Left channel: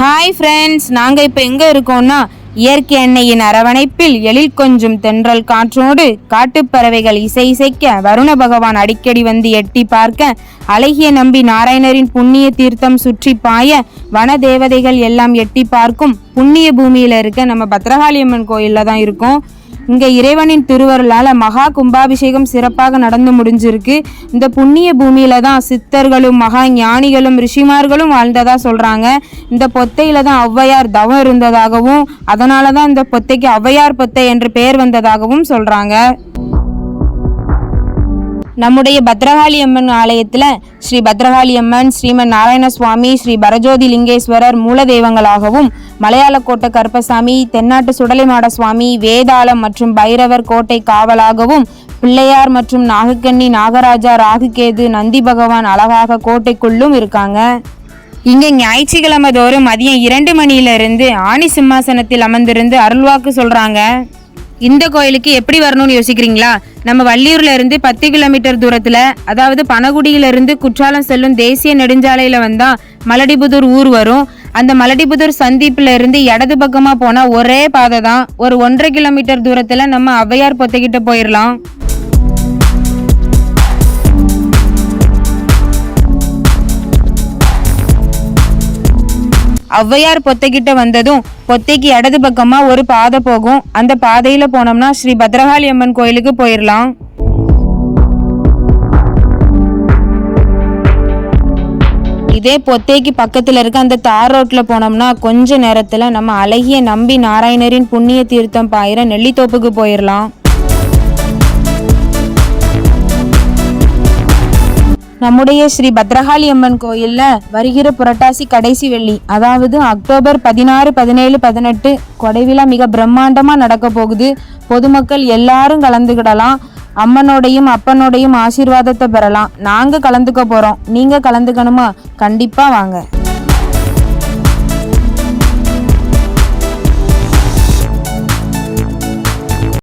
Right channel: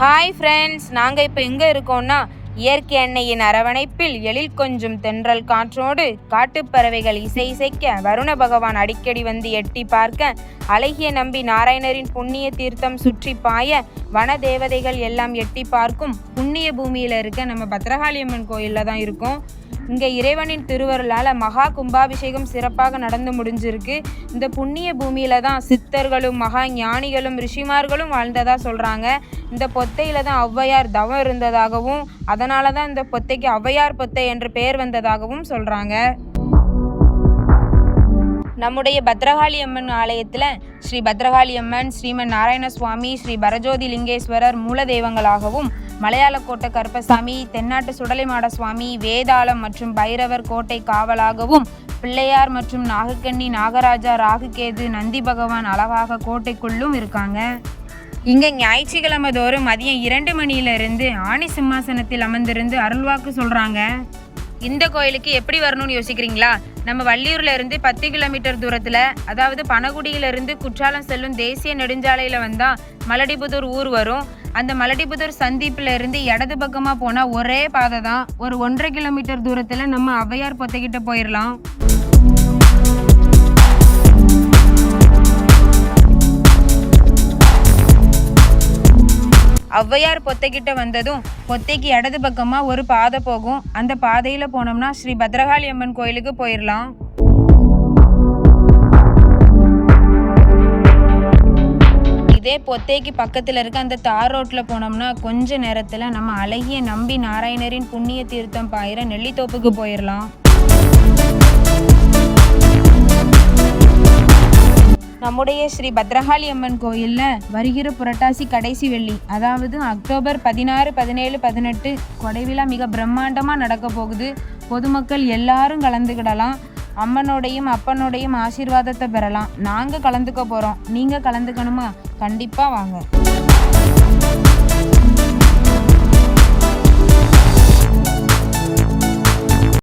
Hi friends, நாங்கள் இப்போ எங்கே இருக்கோம்னா இயற்கை எண்ணெயின் அரவணைப்பில் எழில் கொஞ்சம் தென்றல் காற்றோடு காட்டுப்பறவைகள் இசைக்க வருண பகவான் அடிக்கடி வந்து எட்டி பார்க்க அழகிய நம்பி நாராயணரின் புண்ணிய தீர்த்தம் சுற்றி பாய வன தேவதைகள் எல்லாம் எட்டி பார்க்கும் புண்ணிய பூமியில் இருக்க நம்ம பத்ரகாளியம்மன் கோயிலில் தான் இருக்கோம். இங்கே இறைவனின் திருவருளால் மகா கும்பாபிஷேகம் சிறப்பாக நடந்து முடிஞ்சிருக்கு. இந்த புண்ணிய பூமியில தான் சித்தர்களும் மகா ஞானிகளும் ரிஷிமார்களும் வாழ்ந்ததா சொல்றாங்க. இந்த பொத்தையில தான் ஔவையார் தவம் இருந்ததாகவும் அதனால தான் இந்த பொத்தைக்கு ஔவையார் பொத்தை என்று பெயர் வந்ததாகவும் சொல்றாங்க. நம்முடைய பத்ரகாளி அம்மன் ஆலயத்தில் ஸ்ரீ பத்ரகாளி அம்மன், ஸ்ரீமன் நாராயண சுவாமி, ஸ்ரீ பரஜோதி லிங்கேஸ்வரர் மூல தெய்வங்களாகவும், மலையாள கோட்டை கருப்பசாமி, தென்னாட்டு சுடலைமாட சுவாமி, வேதாளம் மற்றும் பைரவர் கோட்டை காவலாகவும், பிள்ளையார் மற்றும் நாகக்கண்ணி, நாகராஜா, ராகுகேது, நந்தி பகவான் அழகாக கோட்டைக்குள்ளும் இருக்காங்க. இங்கே ஞாயிற்றுக்கிழமை தோறும் மதியம் 2 மணியிலிருந்து ஆணி சிம்மாசனத்தில் அமர்ந்திருந்து அருள்வாக்கு சொல்றாங்க. இந்த கோயிலுக்கு எப்படி வரணும்னு யோசிக்கிறீங்களா? நம்ம வள்ளியூர்ல இருந்து 10 கிலோமீட்டர் தூரத்துல, அதாவது பனகுடியிலிருந்து குற்றாலம் செல்லும் தேசிய நெடுஞ்சாலையில வந்தா மலடிபுதூர் ஊர் வரும். அந்த மலடிபுதூர் சந்திப்புல இருந்து இடது பக்கமா போனா ஒரே பாதை தான். ஒரு 1.5 கிலோமீட்டர் தூரத்துல நம்ம ஔவையார் பொத்தைக்கிட்ட போயிடலாம். ஔவையார் பொத்தைக்கிட்ட வந்ததும் பொத்தைக்கு இடது பக்கமா ஒரு பாதை போகும். அந்த பாதையில போனோம்னா ஸ்ரீ பத்ரகாளி அம்மன் கோயிலுக்கு போயிடலாம். இதே பொத்தைக்கு பக்கத்துல இருக்க அந்த தார் ரோட்ல போனோம்னா கொஞ்ச நேரத்துல நம்ம அழகிய நம்பி நாராயணரின் புண்ணிய தீர்த்தம் பாயிர நெல்லித்தோப்புக்கு போயிடலாம். நம்முடைய ஸ்ரீ பத்ரகாளி அம்மன் கோயில்ல வருகிற புரட்டாசி கடைசி வெள்ளி, அதாவது அக்டோபர் 16, 17, 18 கொடைவிழா மிக பிரம்மாண்டமா நடக்க போகுது. பொதுமக்கள் எல்லாரும் கலந்துக்கிடலாம். அம்மனோடையும் அப்பனோடையும் ஆசீர்வாதத்தை பெறலாம். நாங்க கலந்துக்க போறோம். நீங்க கலந்துக்கணுமா? கண்டிப்பா வாங்க.